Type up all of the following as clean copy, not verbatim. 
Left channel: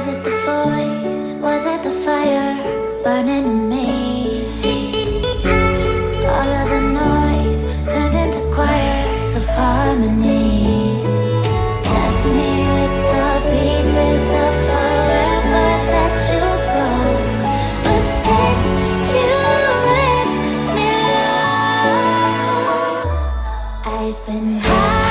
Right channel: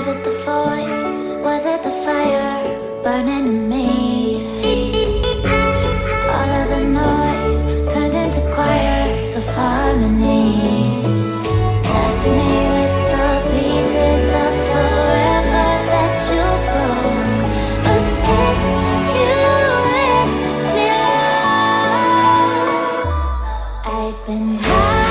Was it the voice? Was it the fire burning in me? All of the noise turned into choirs of harmony. Left me with the pieces of forever that you broke. But since you left me alone, I've been high.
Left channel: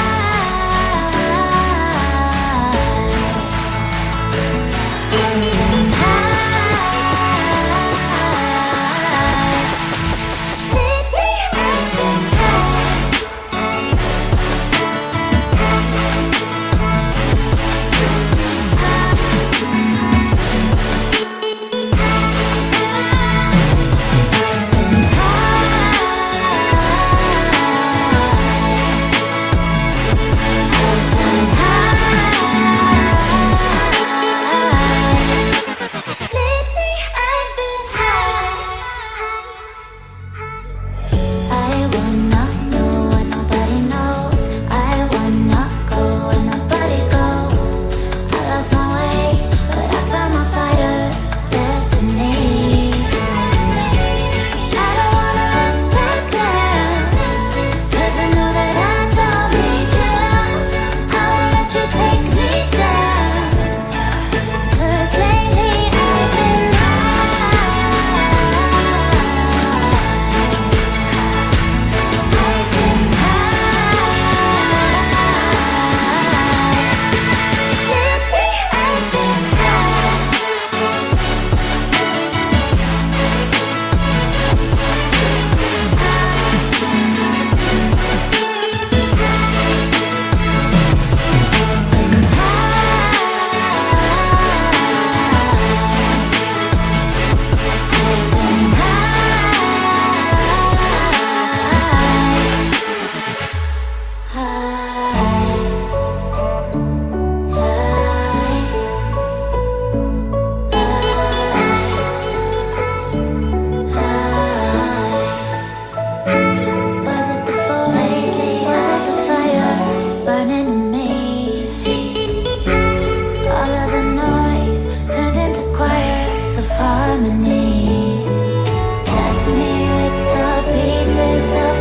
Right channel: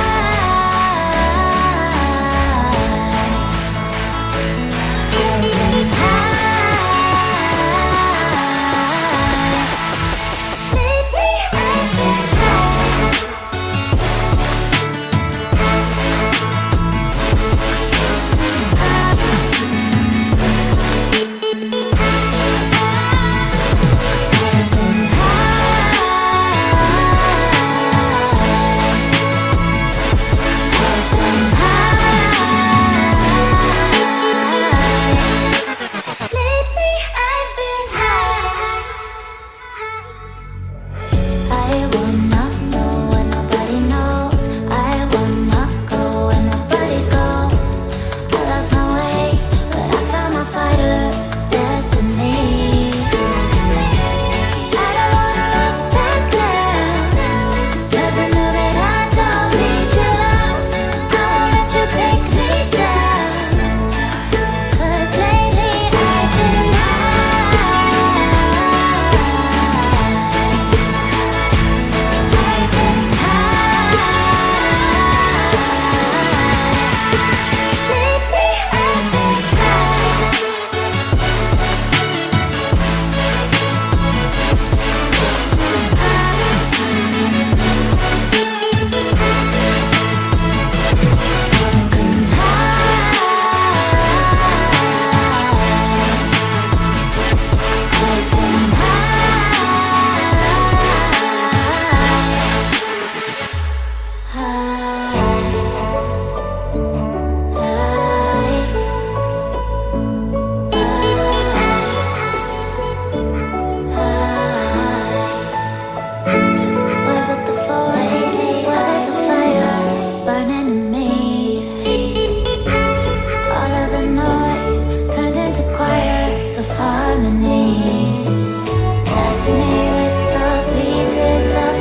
Of harmony, left me with the pieces of